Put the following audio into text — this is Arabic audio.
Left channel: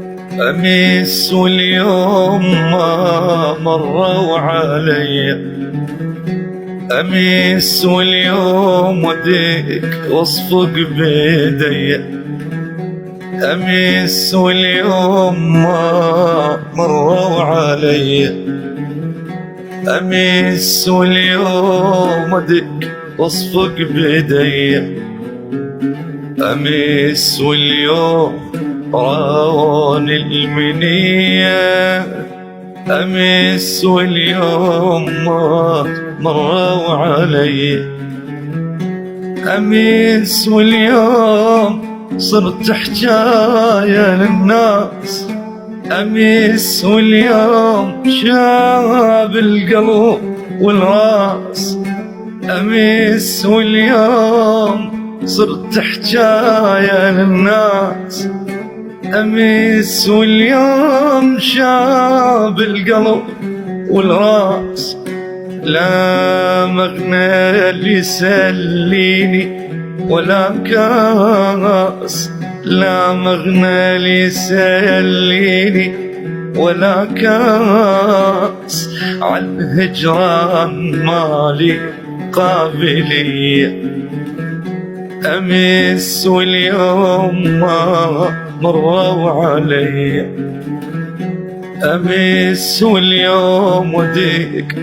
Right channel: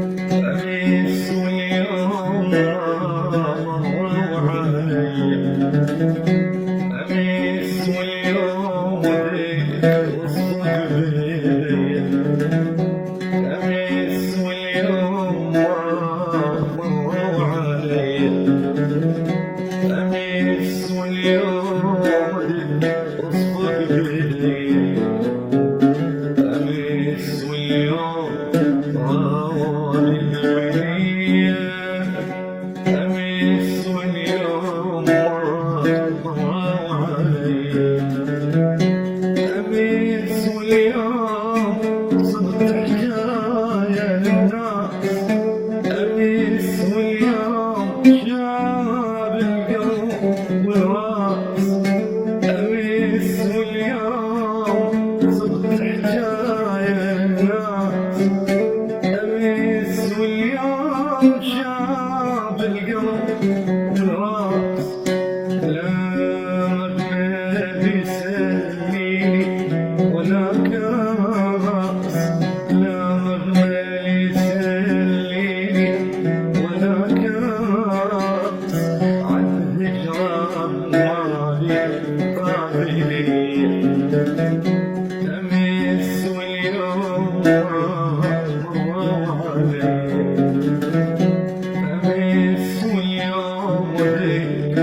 أمس واليوم ما مروا علي، أمس واليوم وديك واصفق بيدي، أمس واليوم ما مروا علي، أمس واليوم وديك واصفق بيدي، أمس واليوم راوني المنية، أمس واليوم ما مروا علي، أمس واليوم صرت حجاية للناس، أمس واليوم شاب القلب والراس، أمس واليوم صرت حجاية للناس، أمس واليوم شاب القلب والراس، لا مغنى اللي يسليني ولا كاس، لا مغنى اللي يسليني ولا كاس، عالهجران مالي قابلية، أمس واليوم ما مروا علي، أمس واليوم وديك